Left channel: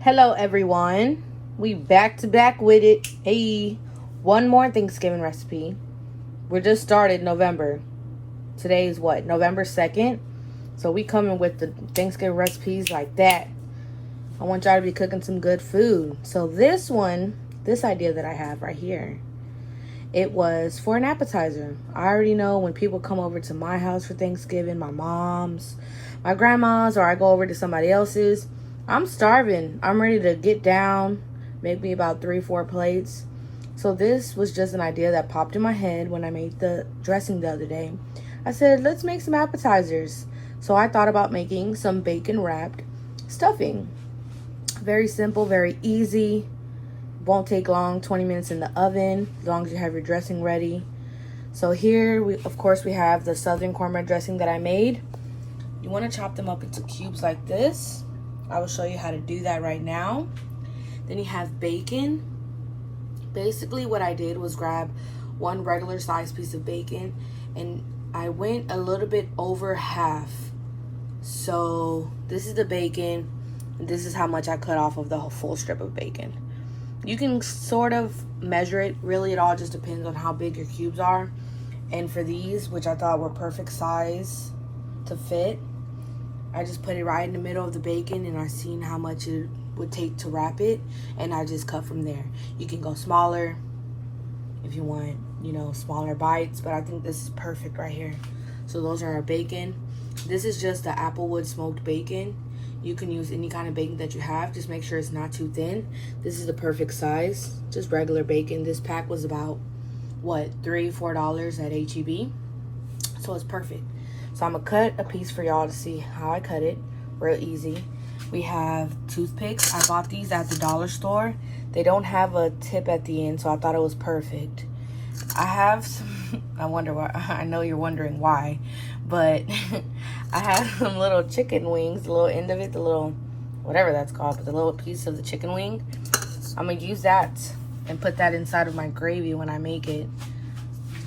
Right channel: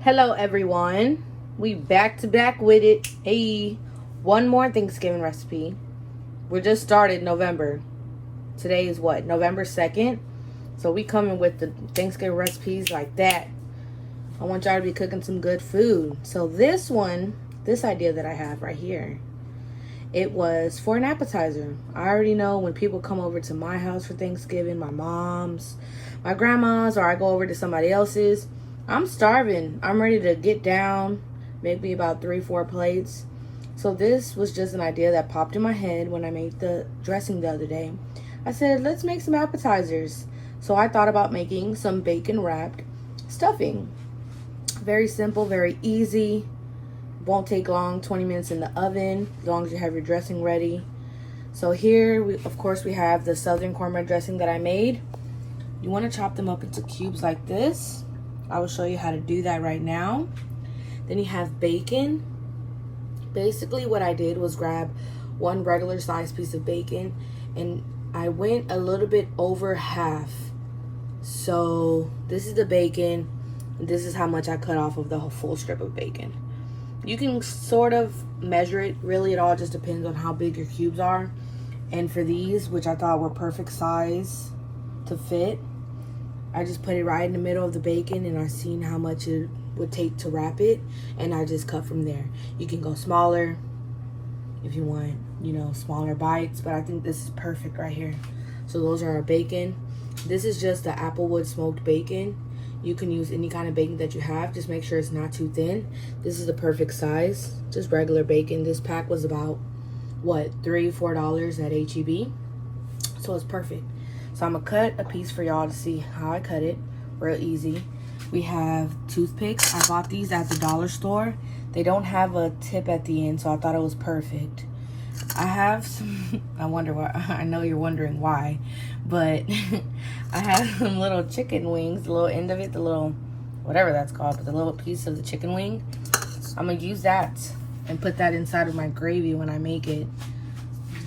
Hello everyone, we back to back with it. Hey, one more Thanksgiving recipe. We're just started November. Today is what, November 2nd? So we coming with the Thanksgiving recipes like that. I want y'all to be cooking some good food. So this idea that I have right here, it was for an appetizer. I already know when people come over to my house for Thanksgiving, my mom's, my grandma's, or I go over to somebody else's, I'm starving. I'm ready to get down, make me about 3-4 plates. So this was just an idea that popped in my head when I made the dressing the other day. I said, let's make some appetizers. So I thought about making some bacon wrapped stuffing. Very simple, very easy. Won't take long, 20 minutes in the oven, as long as you have your dressing ready. So here, of course, we have the Southern Cornbread Dressing that I made. You want to chop them up into cubes like this. I will show you how to do that right now. Then you have bacon. Basically what I did was grab one regular sized piece of bacon and I went a little bit over half. So this is the bacon. This is how much I cut off of the whole full strip of bacon. You can sort of measure it. Really, it all just depends on how big your cubes are. And for these, which I thought were perfect size to fit, I just put it right in the middle of the bacon and I seen how much it would take to wrap it, and I just cut from there. You can go smaller if you want, smaller bites, but I think this is perfect right here. So those are our bacon. This is just the applewood smoked bacon. You can use any kind of bacon that you have. Just make sure it's not too thin. This is the perfect size, just regular bacon. This pack was about, what, $3-4 at H-E-B. So it's perfect. So I'm gonna cut a piece for y'all to see how I cut it. Real easy. We have toothpicks. I bought these at the dollar store. They don't have a tip at the end, so I thought it was perfect. I have some, I wonder why, I know you're wondering why, but I have some little chicken wings, the little end of it, the little, whatever that's called, but the little piece of the chicken wing. I'm gonna use that and put that inside of my gravy when I make it,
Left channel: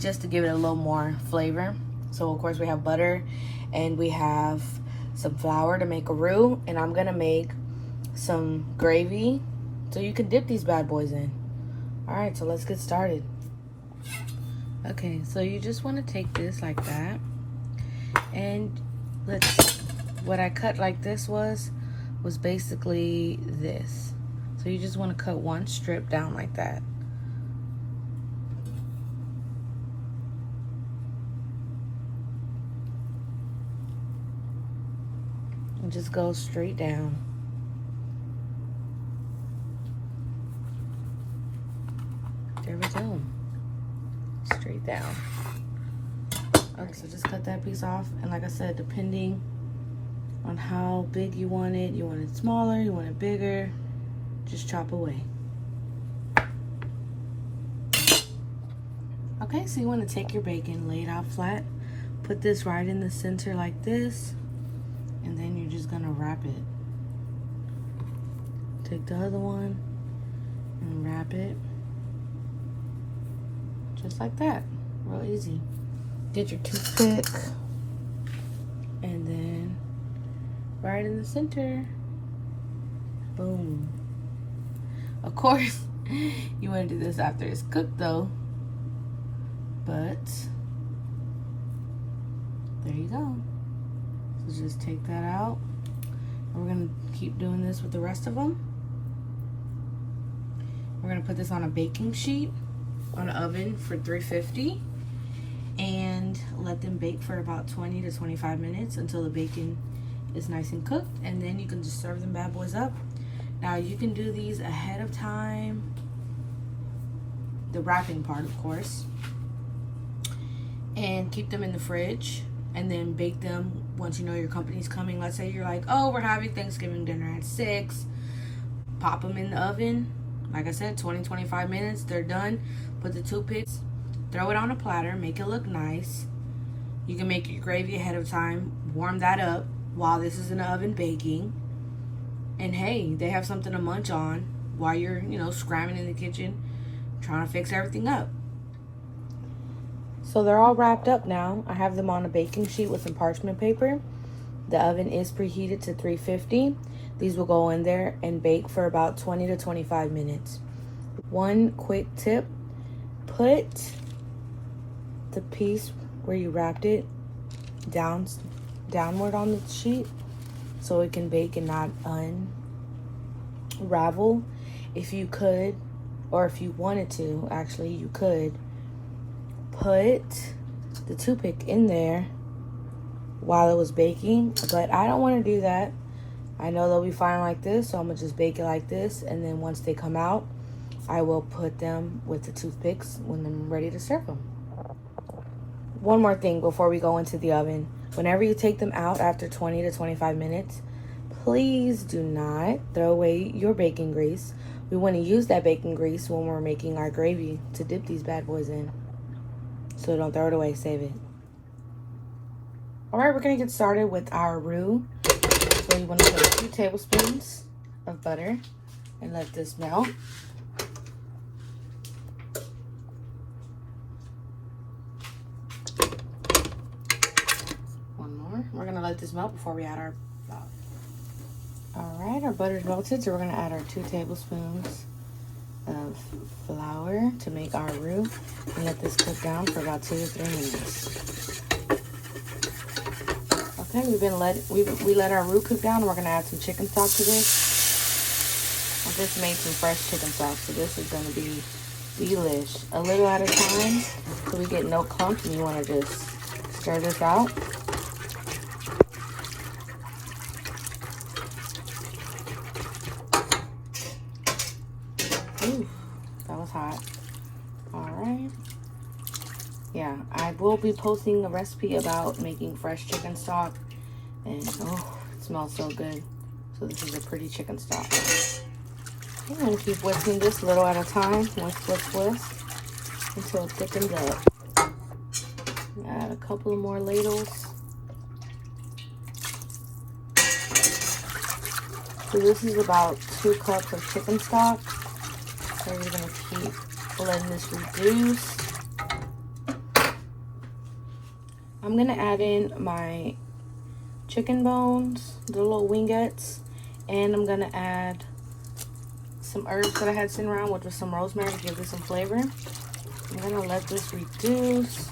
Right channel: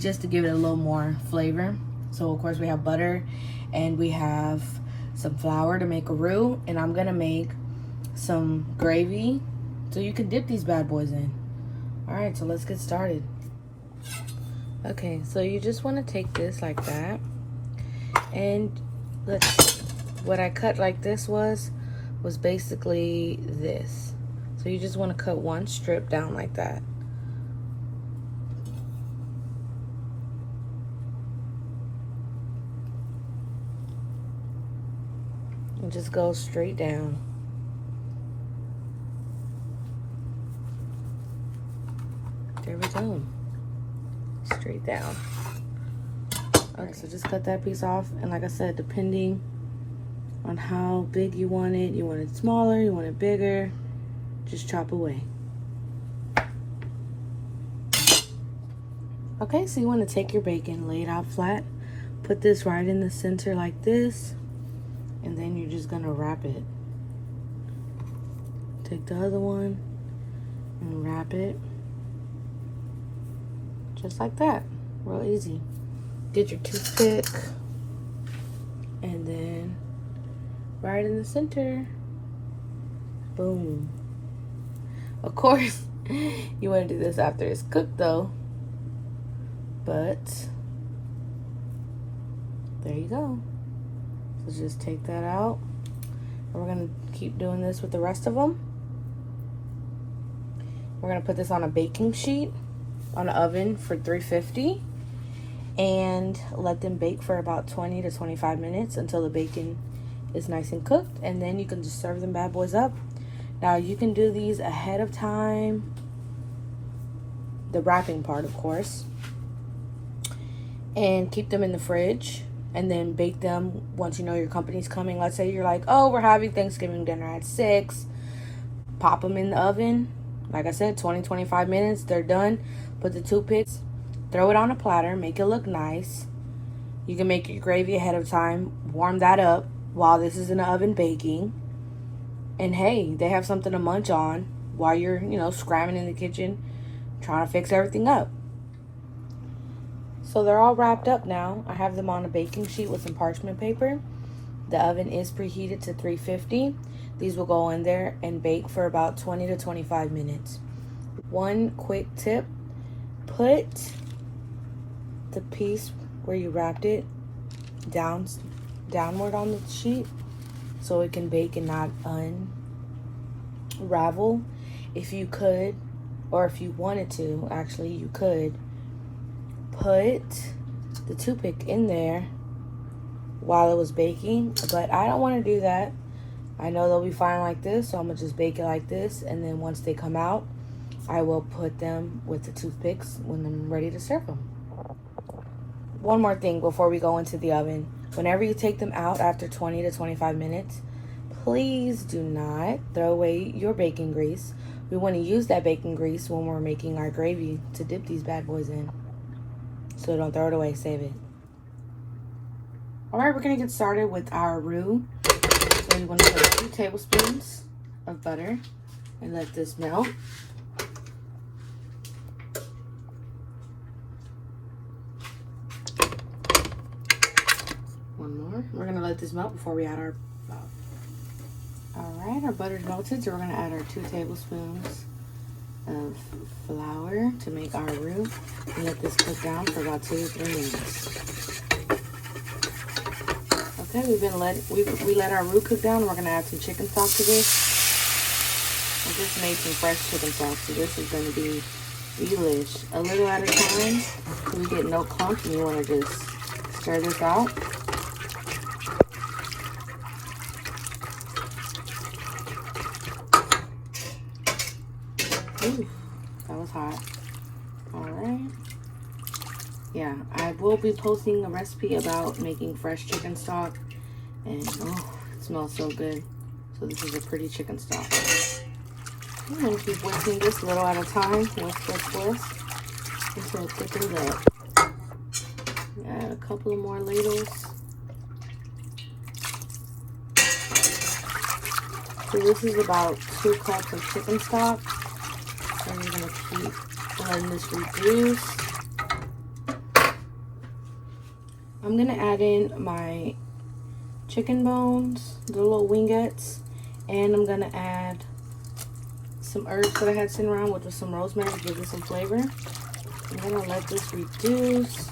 just to give it a little more flavor. So of course we have butter and we have some flour to make a roux, and I'm gonna make some gravy so you can dip these bad boys in. All right, so let's get started. Okay, so you just want to take this like that, and what I cut like this was basically this. So you just want to cut one strip down like that. And just go straight down. There we go. Straight down. All right, so just cut that piece off, and like I said, depending on how big you want it smaller, you want it bigger, just chop away. Okay, so you want to take your bacon, lay it out flat, put this right in the center like this, and then you're just gonna wrap it. Take the other one and wrap it just like that. Real easy. Get your toothpick and then right in the center. Boom. Of course, you want to do this after it's cooked though. But there you go. So just take that out. And we're going to keep doing this with the rest of them. We're going to put this on a baking sheet on the oven for 350 and let them bake for about 20 to 25 minutes until the bacon is nice and cooked, and then you can just serve them bad boys up. Now you can do these ahead of time, the wrapping part of course, and keep them in the fridge and then bake them once you know your company's coming. Let's say you're like, oh, we're having Thanksgiving dinner at 6. Pop them in the oven. Like I said, 20-25 minutes, they're done. Put the toothpicks, throw it on a platter, make it look nice. You can make your gravy ahead of time, warm that up while this is in the oven baking. And hey, they have something to munch on while you're, scrambling in the kitchen, trying to fix everything up. So they're all wrapped up now. I have them on a baking sheet with some parchment paper. The oven is preheated to 350. These will go in there and bake for about 20 to 25 minutes. One quick tip, put the piece where you wrapped it downward on the sheet so it can bake and not unravel. If you could, or if you wanted to, actually, you could put the toothpick in there while it was baking, but I don't want to do that. I know they'll be fine like this, so I'm gonna just bake it like this, and then once they come out, I will put them with the toothpicks when I'm ready to serve them. One more thing before we go into the oven. Whenever you take them out after 20 to 25 minutes, please do not throw away your bacon grease. We want to use that bacon grease when we're making our gravy to dip these bad boys in. So don't throw it away, save it. All right, we're gonna get started with our roux. So you want to put 2 tablespoons of butter and let this melt. One more. We're gonna let this melt before we add our flour. All right, our butter's melted, so we're gonna add our 2 tablespoons of flour to make our roux and let this cook down for about 2 to 3 minutes. Okay, we let our roux cook down. We're gonna add some chicken stock to this. I just made some fresh chicken stock, so this is gonna be delish. A little at a time, so we get no clumps, and you wanna just stir this out. Ooh, that was hot. All right. Yeah, I will be posting a recipe about making fresh chicken stock, and oh, it smells so good. So this is a pretty chicken stock. I'm gonna keep whisking this little at a time. Whisk until it thickens up. Add a couple of more ladles. So this is about 2 cups of chicken stock. So I'm gonna keep letting this reduce. I'm gonna add in my chicken bones, the little wingettes, and I'm gonna add some herbs that I had sitting around with some rosemary to give this some flavor. I'm gonna let this reduce.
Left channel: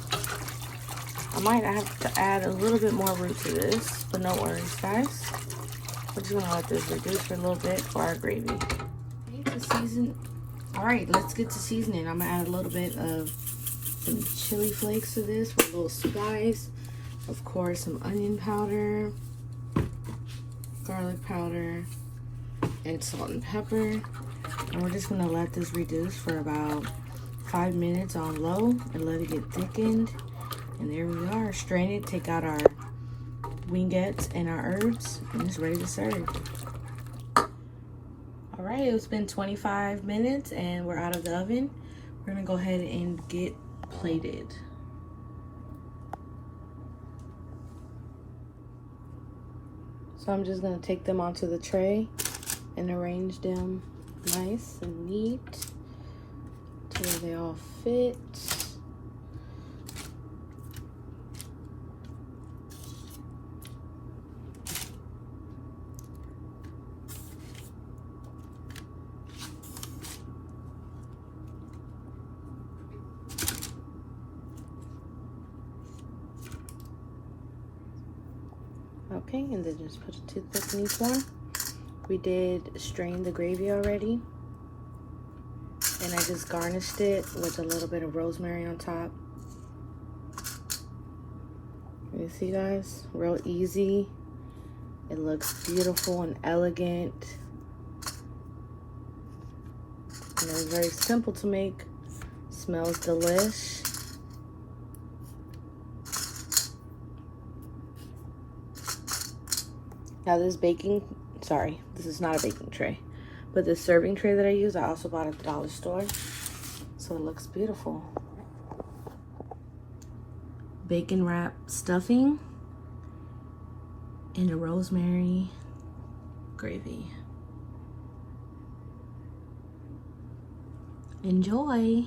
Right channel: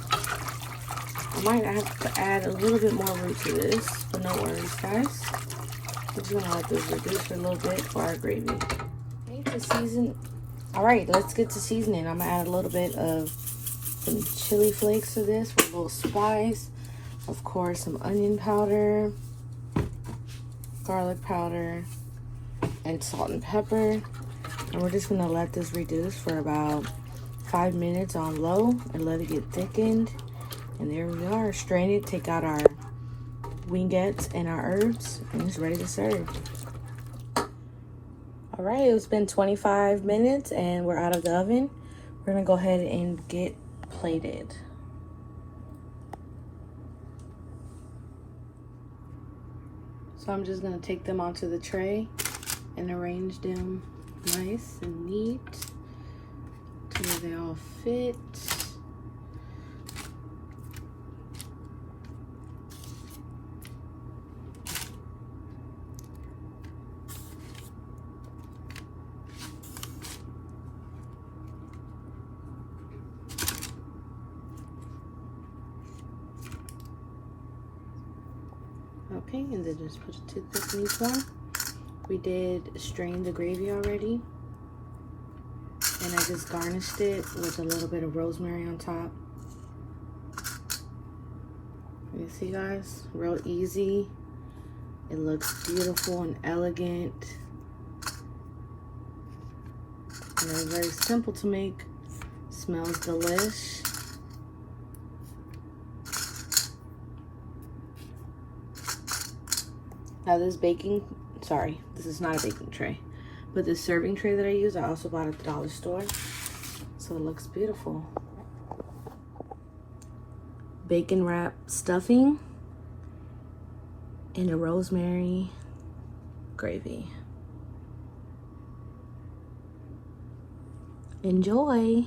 I might have to add a little bit more roux to this, but no worries, guys. We're just gonna let this reduce for a little bit for our gravy. Okay, to season. All right, let's get to seasoning. I'm gonna add a little bit of some chili flakes to this with a little spice. Of course, some onion powder, garlic powder, and salt and pepper. And we're just gonna let this reduce for about 5 minutes on low and let it get thickened. And there we are. Strain it, take out our wingettes and our herbs, and it's ready to serve. All right, it's been 25 minutes and we're out of the oven. We're gonna go ahead and get plated. So I'm just gonna take them onto the tray and arrange them nice and neat to where they all fit. Okay, and then just put a toothpick in each one. We did strain the gravy already, and I just garnished it with a little bit of rosemary on top. You see, guys, real easy. It looks beautiful and elegant, and it's very simple to make. Smells delish. Now this this is not a baking tray, but this serving tray that I use, I also bought at the dollar store. So it looks beautiful. Bacon wrap stuffing and a rosemary gravy. Enjoy.